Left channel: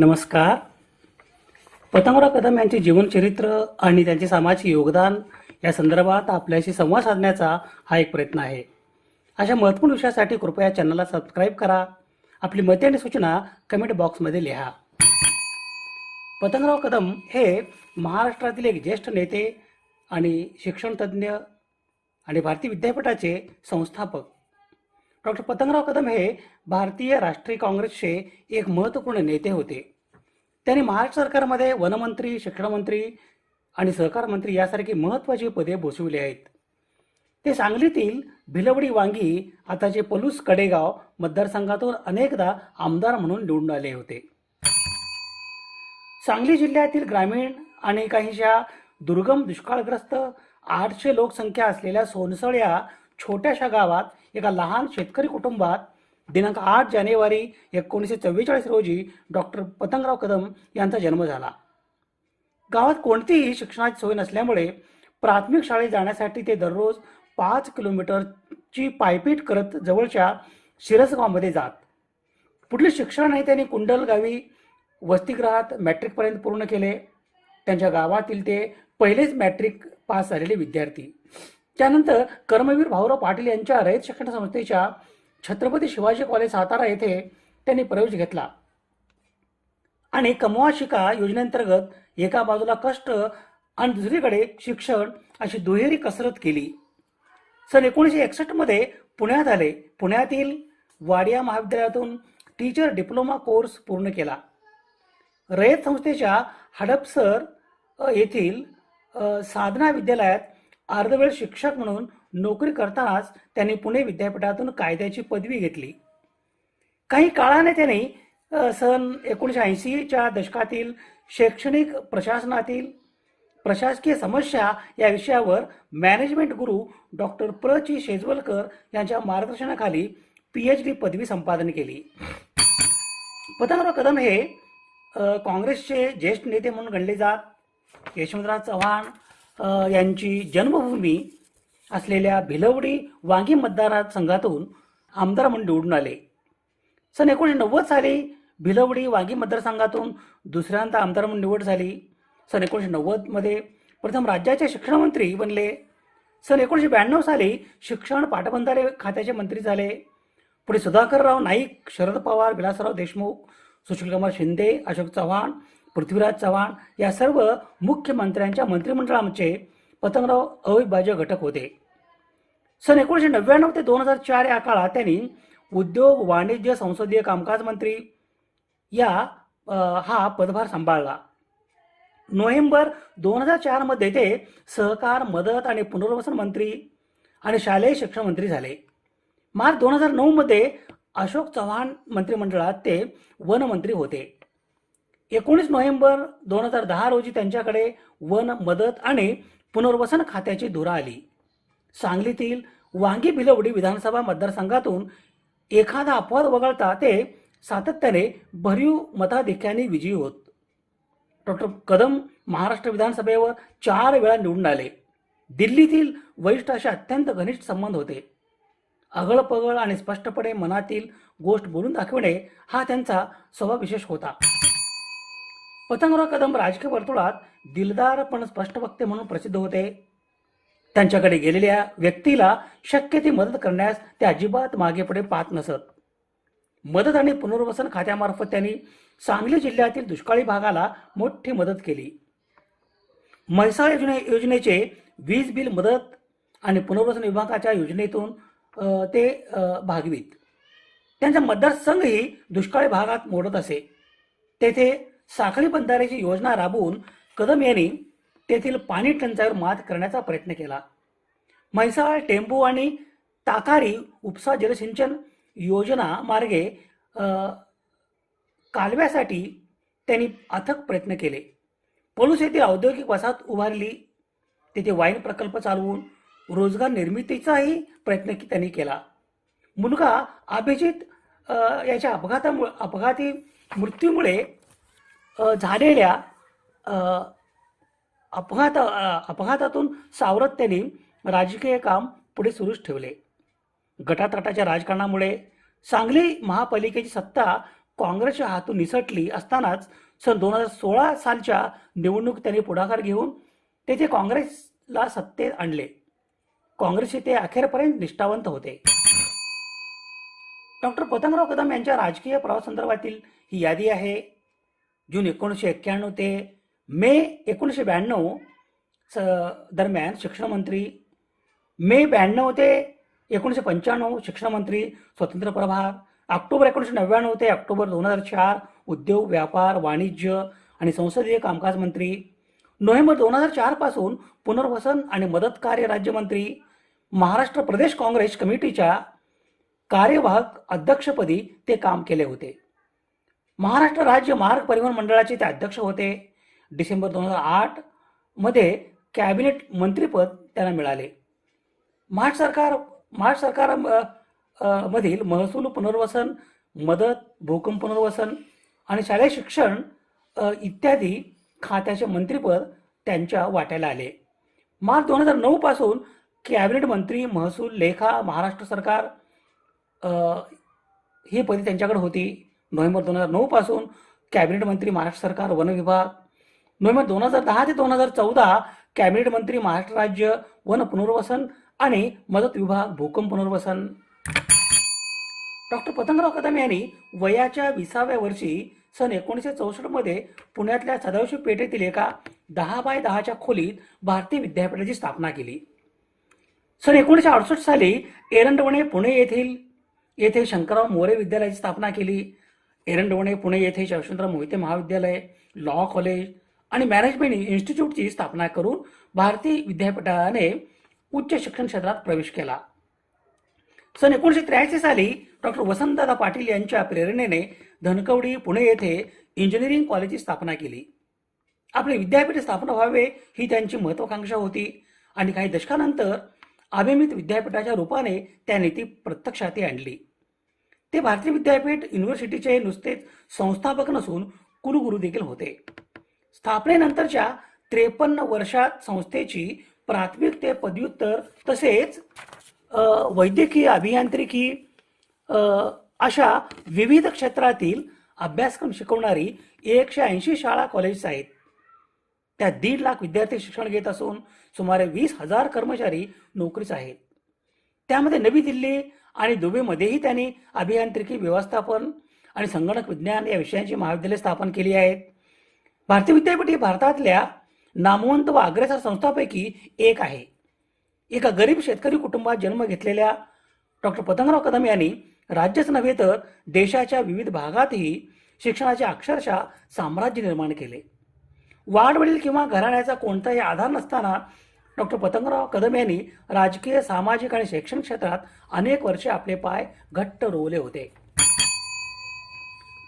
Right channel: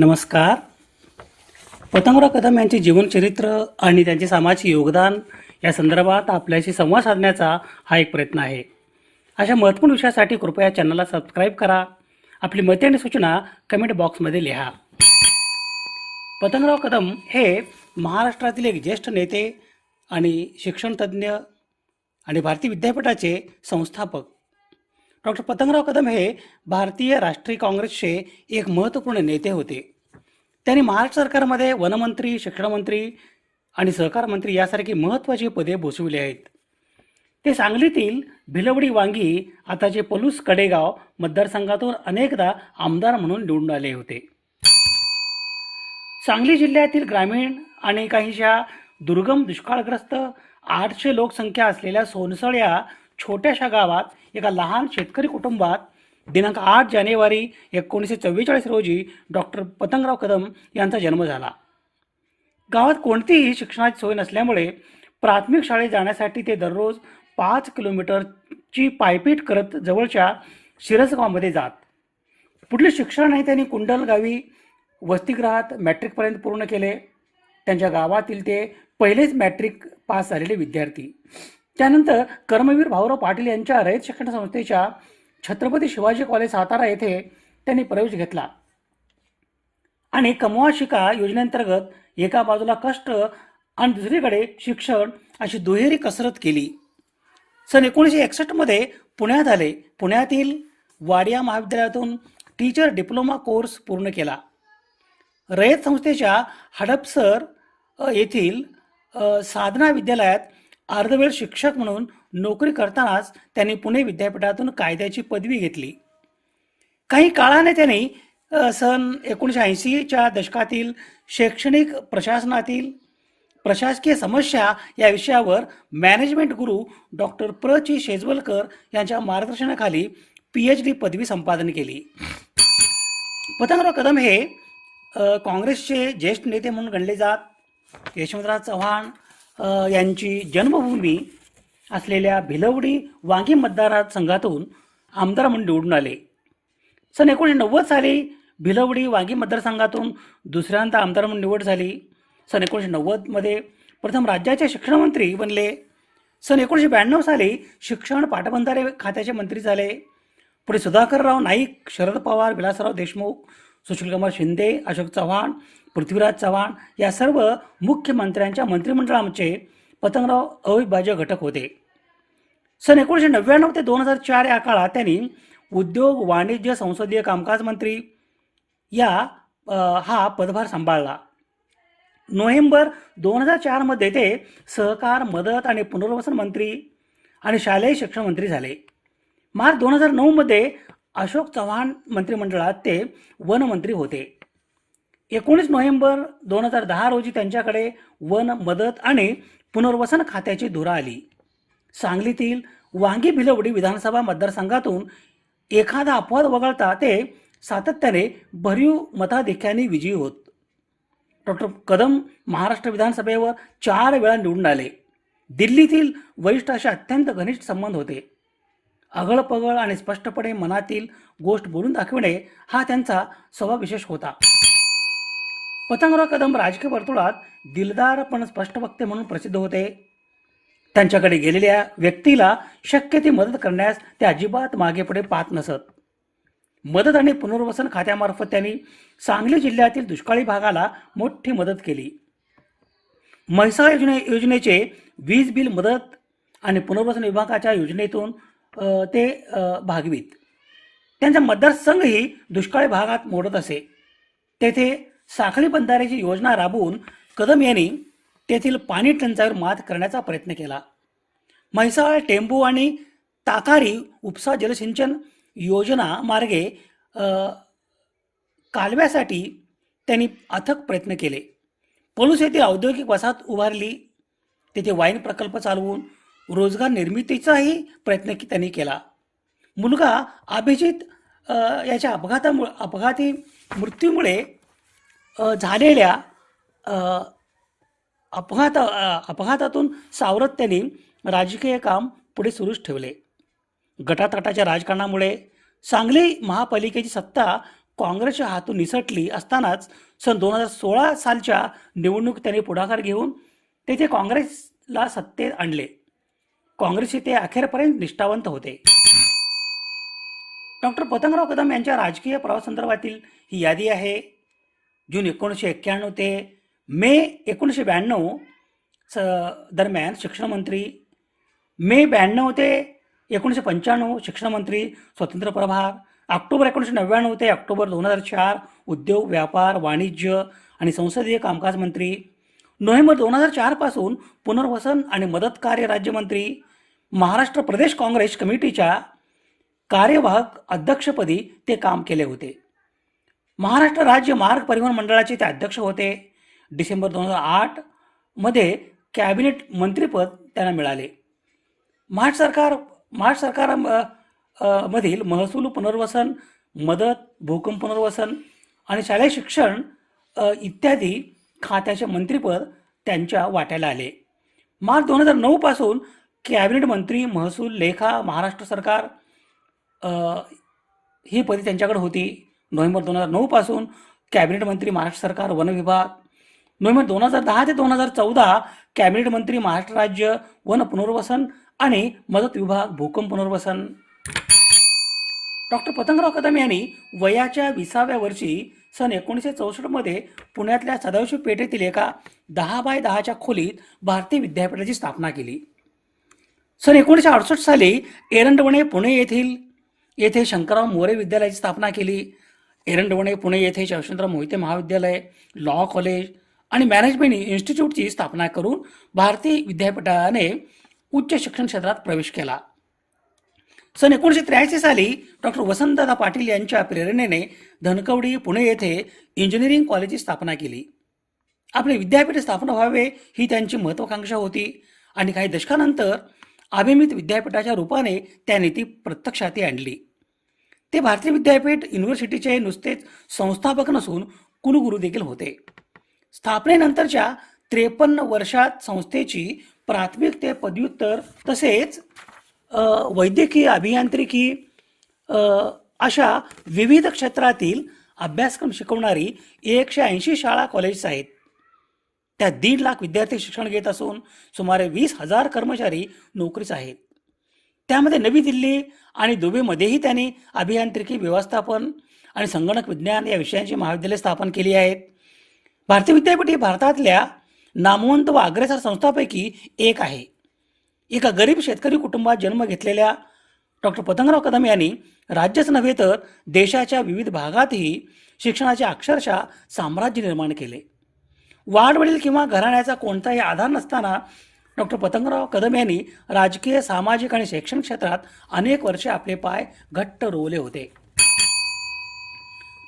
नमस्कार. पतंगराव कदम यांचे जीवनचरित्र आणि त्यांचे सामाजिक योगदान या संदर्भात आपल्याशी संवाद साधण्याचा हा एक प्रयत्न आहे. अशा महत्त्वपूर्ण विषयासाठी कृपया चॅनलला सबस्क्राईब करा. आपली मते आणि सूचना कमेंट बॉक्समध्ये लिहा. पतंगराव कदम हे महाराष्ट्रातील एक ज्येष्ठ नेते आणि शिक्षणतज्ज्ञ आणि भारतीय विद्यापीठाचे संस्थापक. डॉक्टर पतंगराव कदम हे भारतीय राष्ट्रीय काँग्रेसचे एक महत्त्वपूर्ण नेते होते. त्यांनी महाराष्ट्र सरकारमध्ये वनमंत्री, शिक्षणमंत्री आणि सहकार मंत्री यासारखी महत्त्वाची पदे भूषविली आहेत. ते सांगलीतील भिलवडी वांगी आताचे पलूस कडेगाव मतदारसंघातून अनेकदा आमदार म्हणून निवडून आले होते. सांगली जिल्ह्यातील ग्रामीण आणि काहीशा दुर्गम दुष्काळग्रस्त 800 लोकसंख्या असलेल्या सोनसळ या छोट्याशा गावात एका लहान शेतकरी कुटुंबात दिनांक 8 जानेवारी 1944 रोजी डॉक्टर पतंगराव कदम यांचा जन्म झाला. गावात कोणतीही शिक्षणाची सोय नसल्यामुळे प्राथमिक शाळेत जाण्यासाठी ते दररोज 5 किलोमीटरची पायपीट करत जवळच्या शिरसगावमध्ये जात. पुढले शिक्षणही त्यांनी कुंडल गावी वसतिगृहात मॅट्रिकपर्यंत पूर्ण केले. त्यांच्या गावातील ते पहिलेच मॅट्रिक पास झालेले विद्यार्थी. त्यानंतर कर्मवीर भाऊराव पाटील यांच्या रयत शिक्षण संस्थेच्या छत्रपती शिवाजी कॉलेज सातारा येथे त्यांनी प्रवेश घेतला आणि कमवा शिका योजनेअंतर्गत एका बाजूला कष्ट आणि दुसरीकडे शिक्षण अशी दुहेरी कसरत केली. सन 1961 पुण्यात आले. पुण्यातील वाडिया महाविद्यालयातून टीचर डिप्लोमा कोर्स पूर्ण केला. रयत संस्थेच्या हडपसर येथील साधना विद्यालयात अर्धवेळ शिक्षक म्हणून नोकरी करतानाच त्यांनी पुणे विद्यापीठातून कायद्याची पदवी घेतली. काही काळाने त्यांनी सन 1980च्या दशकातील शैक्षणिक प्रशासनातील प्रशासकीय समस्या या विषयावर मॅनेजमेंट गुरु डॉक्टर प्र.ची शेजवलकर यांच्या मार्गदर्शनाखाली PhD पदवी संपादन केली. पतंगराव कदम हे काँग्रेसचे ज्येष्ठ नेते म्हणून गणले जात. यशवंतराव चव्हाण यांची जन्मभूमी असलेल्या भिलवडी वांगी मतदारसंघातून आमदार म्हणून निवडून आले. सन 1990 साली भिलवडी वांगी मतदारसंघातून दुसऱ्यांदा आमदार म्हणून निवड झाली. सन 1990 प्रथम राज्याचे शिक्षणमंत्री बनले. सन 1992 साली शिक्षण पाटबंधारे खात्याचे मंत्री झाले. पुढे सुधाकरराव नाईक, शरद पवार, विलासराव देशमुख, सुशीलकुमार शिंदे, अशोक चव्हाण, पृथ्वीराज चव्हाण या सर्व मुख्यमंत्र्यांच्या मंत्रिमंडळाचे पतंगराव अविभाज्य घटक होते. सन 1999 ते 2004 या काळात त्यांनी उद्योग, वाणिज्य, संसदीय कामकाज मंत्री हा पदभार सांभाळला. नोव्हेंबर 2004 ते सहकार, मदत आणि पुनर्वसन मंत्री आणि शालेय शिक्षण मंत्री झाले. मार्च 2009 अशोक चव्हाण मंत्रिमंडळात ते वनमंत्री होते. 19 नोव्हेंबर 2010 रोजी त्यांच्याकडे वन, मदत आणि पुनर्वसन खात्याची धुरा आली. सांगलीतील वांगी भिलवडी विधानसभा मतदारसंघातून एखादा अपवाद वगळता ते सातत्याने भरीव मताधिक्याने विजयी होत. डॉक्टर कदम महाराष्ट्र विधानसभेवर 4 वेळा निवडून आले. दिल्लीतील वरिष्ठांशी अत्यंत घनिष्ठ संबंध होते. अगळपगळ आणि स्पष्टपणे मनातील गोष्ट बोलून दाखविणे हा त्यांचा स्वभाव विशेष होता. पतंगराव कदम राजकीय वर्तुळात दिलदार पण स्पष्ट वक्ते म्हणून प्रसिद्ध होते. त्यांच्याकडे गेलेल्या व्यक्तीला शक्य ती मदत करण्यास ते अजिबात मागेपुढे पाहत नसत. मदत आणि पुनर्वसन खात्यामार्फत त्यांनी सांगली जिल्ह्यातील दुष्काळी भागाला मोठी मदत केली. म्हैसाळ योजनेचे वीज बिल मदत आणि पुनर्वसन विभागाच्या योजनेतून ते भागवीत. त्यांचा मतदारसंघही दुष्काळी भागात मोडत असे. तेथे साखळी बंधाऱ्याची योजना राबवून कदम यांनी तेथील पाणी टंचाईवर मात करण्याचा प्रयत्न केला. म्हैसाळ, टेंभू आणि ताकारी उपसा जलसिंचन योजना मार्गे कालव्यासाठी त्यांनी अथक प्रयत्न केले. पलूस येथे औद्योगिक वसाहत उभारली. तेथे वाईन प्रकल्प चालवून रोजगार निर्मितीचाही प्रयत्न त्यांनी केला. मुलगा अभिजित याच्या अपघाती मृत्यूमुळे झालेल्या अपघातातून सावरत त्यांनी राजकीय काम पुढे सुरूच ठेवले. गटातटाच्या राजकारणामुळे सांगली महापालिकेची सत्ता काँग्रेसच्या हातून निसटली असतानाच सन 2016 सालच्या निवडणूक त्यांनी पुढाकार घेऊन तेथे काँग्रेसला सत्तेत आणले. काँग्रेसचे ते अखेरपर्यंत निष्ठावंत होते. डॉक्टर पतंगराव कदम यांच्या राजकीय प्रवासासंदर्भातील ही यादी आहे. जून 1991 ते मे 1992 दरम्यान शिक्षणमंत्री, मे 92 ते 1995 शिक्षणमंत्री स्वतंत्र प्रभार, ऑक्टोबर 1999 ते ऑक्टोबर 2004 उद्योग, व्यापार, वाणिज्य आणि संसदीय कामकाज मंत्री, नोव्हेंबर 2004 पासून पुनर्वसन आणि मदत कार्य राज्यमंत्री, महाराष्ट्र प्रदेश काँग्रेस कमिटीच्या कार्यवाहक अध्यक्षपदी ते काम केले होते. महाराष्ट्र राज्य मार्ग परिवहन मंडळाचे ते अध्यक्ष होते. डिसेंबर 2008 मध्ये कॅबिनेट मंत्रीपद त्यांना मिळाले. महाराष्ट्र सरकार मधील महसूल पुनर्वसन, मदत, भूकंप पुनर्वसन आणि शालेय शिक्षण इत्यादी खात्याचे मंत्रीपद त्यांच्या वाट्याला आले. मार्च 2009 पासून कॅबिनेट मंत्री, महसूल, लेखा, महाराष्ट्र सरकार ही पदे त्यांच्याकडे होती. नोव्हेंबर 2009 पासून कॅबिनेट मंत्री, महाराष्ट्र सरकार, वन विभाग, नोव्हेंबर 2010 ते 2014 कॅबिनेट मंत्री, महाराष्ट्र राज्य वन पुनर्वसन आणि मदत विभाग, भूकंप पुनर्वसन. डॉक्टर पतंगराव कदम यांनी वयाच्या 20व्या वर्षी सन 1964 मध्ये पुण्यातल्या सदाशिव पेठेतील एका 10 बाय 10च्या खोलीत भारतीय विद्यापीठाची स्थापना केली. सन 1968 साली एरंडवणे पुणे येथे शंकरराव मोरे विद्यालयाची स्थापना केली. एरंडवणे पुणे येथे यशवंतराव मोहिते महाविद्यालय, लॉ कॉलेज आणि मॅनेजमेंट इन्स्टिट्यूटची स्थापना करून भारतीय विद्यापीठाने उच्च शिक्षण क्षेत्रात प्रवेश केला. सन 1983 साली डॉक्टर वसंतदादा पाटील यांच्या प्रेरणेने धनकवडी पुणे येथे इंजिनिअरिंग कॉलेजची स्थापना केली. आपले विद्यापीठ स्थापना व्हावे ही त्यांची महत्वाकांक्षा होती आणि काही दशकानंतर अभिमित विद्यापीठाच्या रूपाने त्या नीती प्रत्यक्षात आणली. ते भारतीय विद्यापीठ युनिव्हर्सिटीचे नुसतेच संस्थापक नसून कुलगुरू देखील होते. स्थापनेनंतरच्या 53 वर्षात संस्थेची प्राथमिक ते पदव्युत्तर तसेच वैद्यकीय, अभियांत्रिकी अशा विविध क्षेत्रातील अभ्यासक्रम शिकवणारी 180 शाळा कॉलेज आहेत. त्यात 1.5 लाख विद्यार्थी शिक्षण घेत असून सुमारे 20,000 कर्मचारी नोकरीस आहेत. त्यामध्ये नवी दिल्ली आणि दुबईमध्येही त्यांनी अभियांत्रिकी, व्यवस्थापन आणि संगणक विज्ञान या विषयांची महाविद्यालय स्थापन केली आहेत. भारतीय विद्यापीठ ही भारतातल्या नामवंत व अग्रेसर संस्थांपैकी एक आहे. एका गरीब शेतकरी कुटुंबात जन्म घेतलेल्या डॉक्टर पतंगराव कदम यांनी राज्यच नव्हे तर देशाच्या विविध भागातही शिक्षणाचे अक्षरशः साम्राज्य निर्माण केले. वाडवडील किंवा घराण्याचा कोणताही आधार नसताना डॉक्टर पतंगराव कदम यांनी राजकीय, सामाजिक आणि शैक्षणिक क्षेत्रात अनेक वर्षे आपले पाय घट्ट रोवले होते.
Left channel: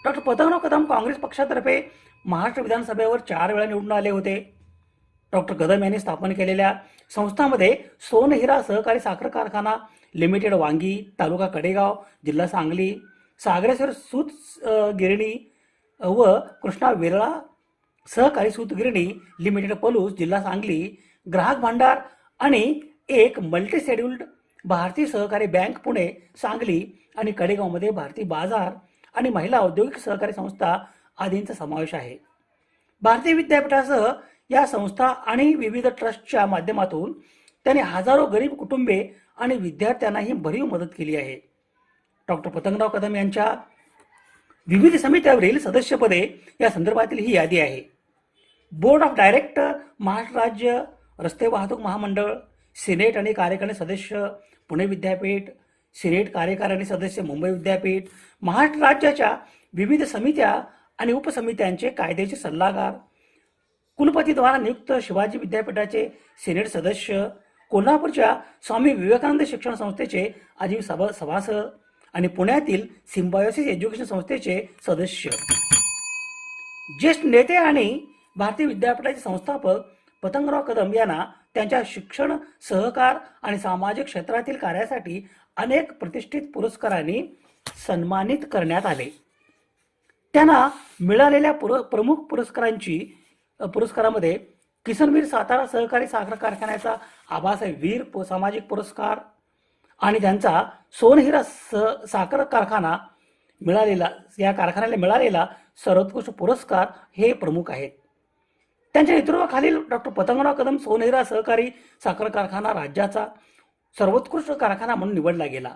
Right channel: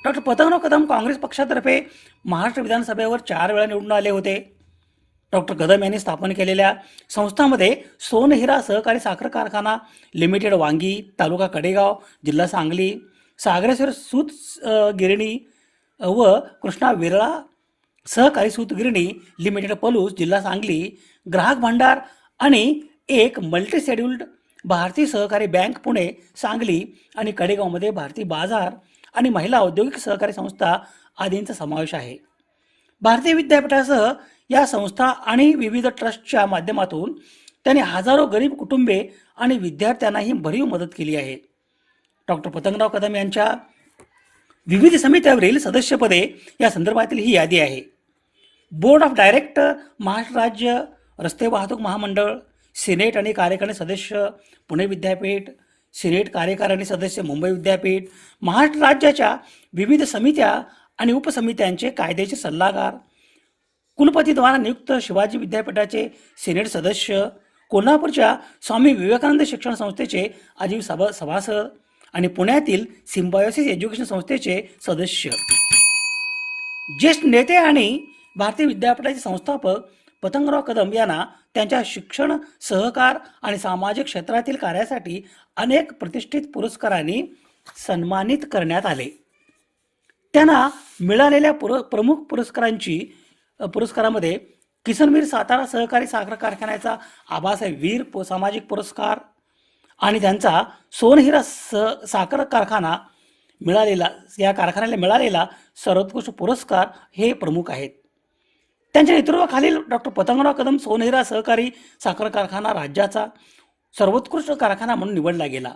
डॉक्टर पतंगराव कदम काँग्रेस पक्षातर्फे महाराष्ट्र विधानसभेवर 4 वेळा निवडून आले होते. डॉक्टर कदम यांनी स्थापन केलेल्या संस्थांमध्ये सोनहिरा सहकारी साखर कारखाना लिमिटेड वांगी, तालुका कडेगाव, जिल्हा सांगली, सागरेश्वर सूत गिरणी व कृष्णा विरळा सहकारी सूत गिरणी लिमिटेड पलूस, जिल्हा सांगली, ग्राहक भांडार आणि एक मल्टी शेड्यूल्ड भारतीय सहकारी बँक पुणे, सांगली आणि कडेगावमध्ये भारतीय बाजार आणि महिला औद्योगिक सहकारी संस्था आदींचा समावेश आहे. भारतीय विद्यापीठासह या संस्था आणि विविध ट्रस्टच्या माध्यमातून त्यांनी हजारो गरीब कुटुंबे आणि विद्यार्थ्यांनाही भरीव मदत केली आहे. डॉक्टर पतंगराव कदम यांच्या विविध समित्यावरील सदस्यपदे या संदर्भातील ही यादी आहे. बोर्ड ऑफ डायरेक्टर महाराष्ट्र राज्य रस्ते वाहतूक महामंडळ, सिनेट आणि कार्यकारिणी सदस्य पुणे विद्यापीठ, सिनेट कार्यकारिणी सदस्य मुंबई विद्यापीठ, महाराष्ट्र राज्याच्या विविध समित्या आणि उपसमित्यांचे कायदेचे सल्लागार, कुलपतीद्वारा नियुक्त शिवाजी विद्यापीठाचे सिनेट सदस्य, कोल्हापूरच्या स्वामी विवेकानंद शिक्षण संस्थेचे आजीव सभासद आणि पुण्यातील सिम्बायोसिस एज्युकेशन संस्थेचे सदस्य. ज्येष्ठ नेते आणि भारतीय विद्यापीठाचे संस्थापक पतंगराव कदम यांना त्यांच्या शिक्षण, सहकार आणि सामाजिक क्षेत्रातील कार्यासाठी अनेक प्रतिष्ठित पुरस्कारांनी सन्मानित करण्यात आले. त्यांना मिळालेल्या प्रमुख पुरस्कारामध्ये किसनवीर सातारा सहकारी साखर कारखान्याचा आबासाहेब वीर सामाजिक पुरस्कार आणि त्यांचा सोनहिरा साखर कारखाना या कारखान्याला मिळालेला सर्वोत्कृष्ट पुरस्कार हे प्रमुख आहेत. त्यांच्या नेतृत्वाखालील डॉक्टर पतंगराव कदम सोनेरा सहकारी साखर कारखाना राज्याचा सर्वोत्कृष्ट कारखाना म्हणून निवडला गेला.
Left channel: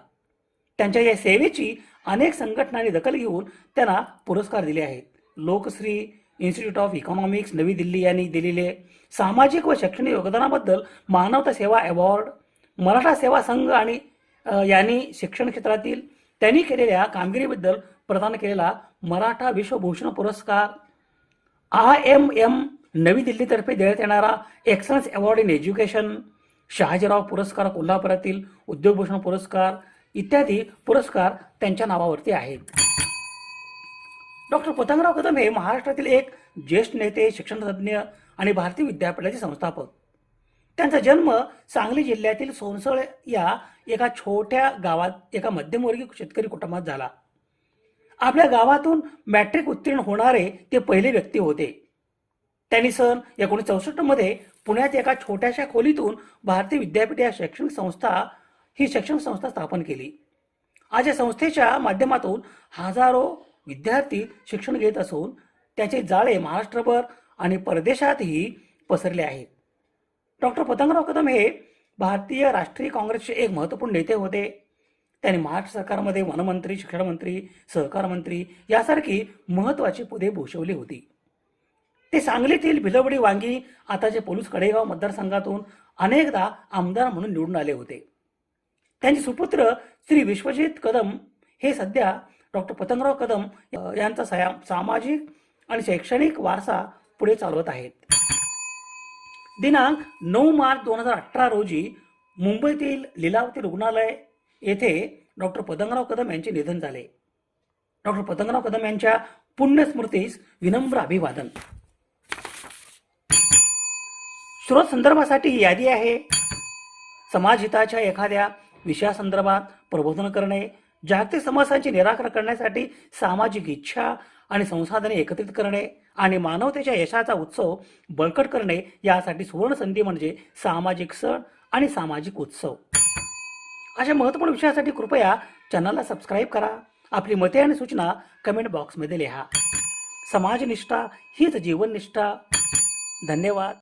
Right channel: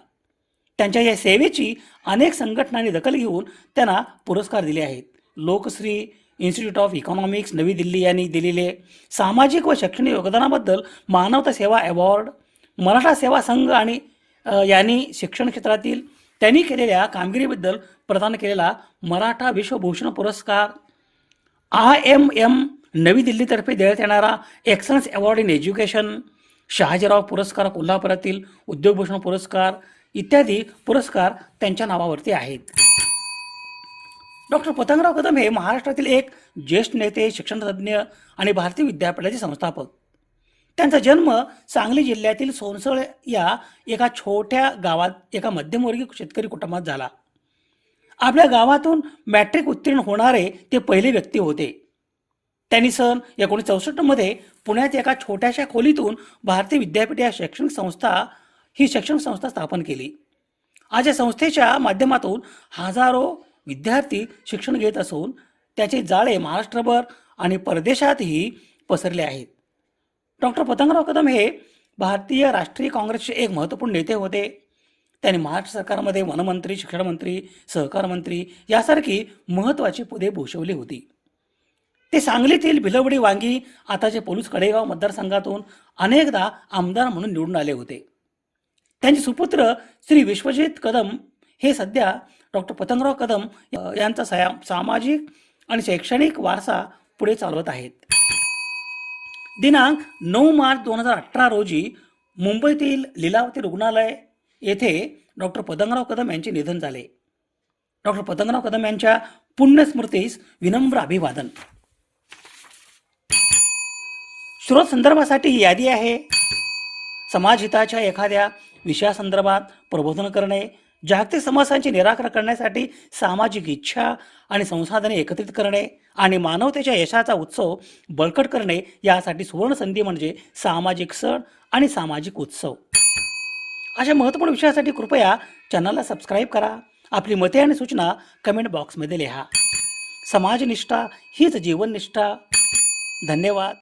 त्यांच्या या सेवेची अनेक संघटनांनी दखल घेऊन त्यांना पुरस्कार दिले आहेत. लोकश्री, इन्स्टिट्यूट ऑफ इकॉनॉमिक्स नवी दिल्ली यांनी दिलेले सामाजिक व शैक्षणिक योगदानाबद्दल मानवता सेवा अवॉर्ड, मराठा सेवा संघ आणि यांनी शिक्षण क्षेत्रातील त्यांनी केलेल्या कामगिरीबद्दल प्रदान केलेला मराठा विश्वभूषण पुरस्कार, IMM नवी दिल्लीतर्फे देण्यात येणारा excellence award in education, Shahajirao पुरस्कार कोल्हापुरातील उद्योगभूषण पुरस्कार इत्यादी पुरस्कार त्यांच्या नावावरती आहेत. डॉक्टर पतंगराव कदम हे महाराष्ट्रातील एक ज्येष्ठ नेते, शिक्षणतज्ज्ञ आणि भारतीय विद्यापीठाचे संस्थापक. त्यांचा जन्म सांगली जिल्ह्यातील सोनसळ या एका छोट्या गावात एका मध्यमवर्गीय शेतकरी कुटुंबात झाला. आपल्या गावातून मॅट्रिक उत्तीर्ण होणारे ते पहिले व्यक्ती होते. त्यांनी सन 1964 मध्ये पुण्यात एका छोट्याशा खोलीतून भारतीय विद्यापीठ या शैक्षणिक संस्था स्थापन केली. आज या संस्थेच्या माध्यमातून हजारो विद्यार्थी शिक्षण घेत असून त्याचे जाळे महाराष्ट्रभर आणि परदेशातही पसरले आहेत. डॉक्टर पतंगराव कदम हे भारतीय राष्ट्रीय काँग्रेसचे एक महत्त्वपूर्ण नेते होते. त्यांनी महाराष्ट्र सरकारमध्ये वनमंत्री, शिक्षण मंत्री, सहकार मंत्री यासारखी महत्त्वाची पदे भूषवली होती. ते सांगलीतील भिलवडी वांगी आताचे पोलीस कडेगाव मतदारसंघातून अनेकदा आमदार म्हणून निवडून आले होते. त्यांचे सुपुत्र श्री विश्वजित कदम हे सध्या डॉक्टर पतंगराव कदम यांचा सामाजिक आणि शैक्षणिक वारसा पुढे चालवत आहेत. दिनांक 9 मार्च 2018 रोजी मुंबईतील लीलावती रुग्णालय येथे डॉक्टर पतंगराव कदम यांचे निधन झाले. डॉक्टर पतंगराव कदम यांच्या पुण्यस्मृतीस विनम्र अभिवादन. स्रोत संदर्भासाठी ही यादी आहे. समाजहिताच्या एखाद्या विषयासंदर्भात प्रबोधन करणे, जागतिक समस्यांचे निराकरण करण्यासाठी सामाजिक इच्छा आणि संसाधने एकत्रित करणे आणि मानवतेच्या यशाचा उत्सव बळकट करणे यासाठी सुवर्ण संधी म्हणजे सामाजिक सण आणि सामाजिक उत्सव. अशा महत्त्वपूर्ण विषयासाठी कृपया चॅनलला सबस्क्राईब करा. आपली मते आणि सूचना कमेंट बॉक्समध्ये लिहा. समाजनिष्ठा हीच जीवननिष्ठा. धन्यवाद.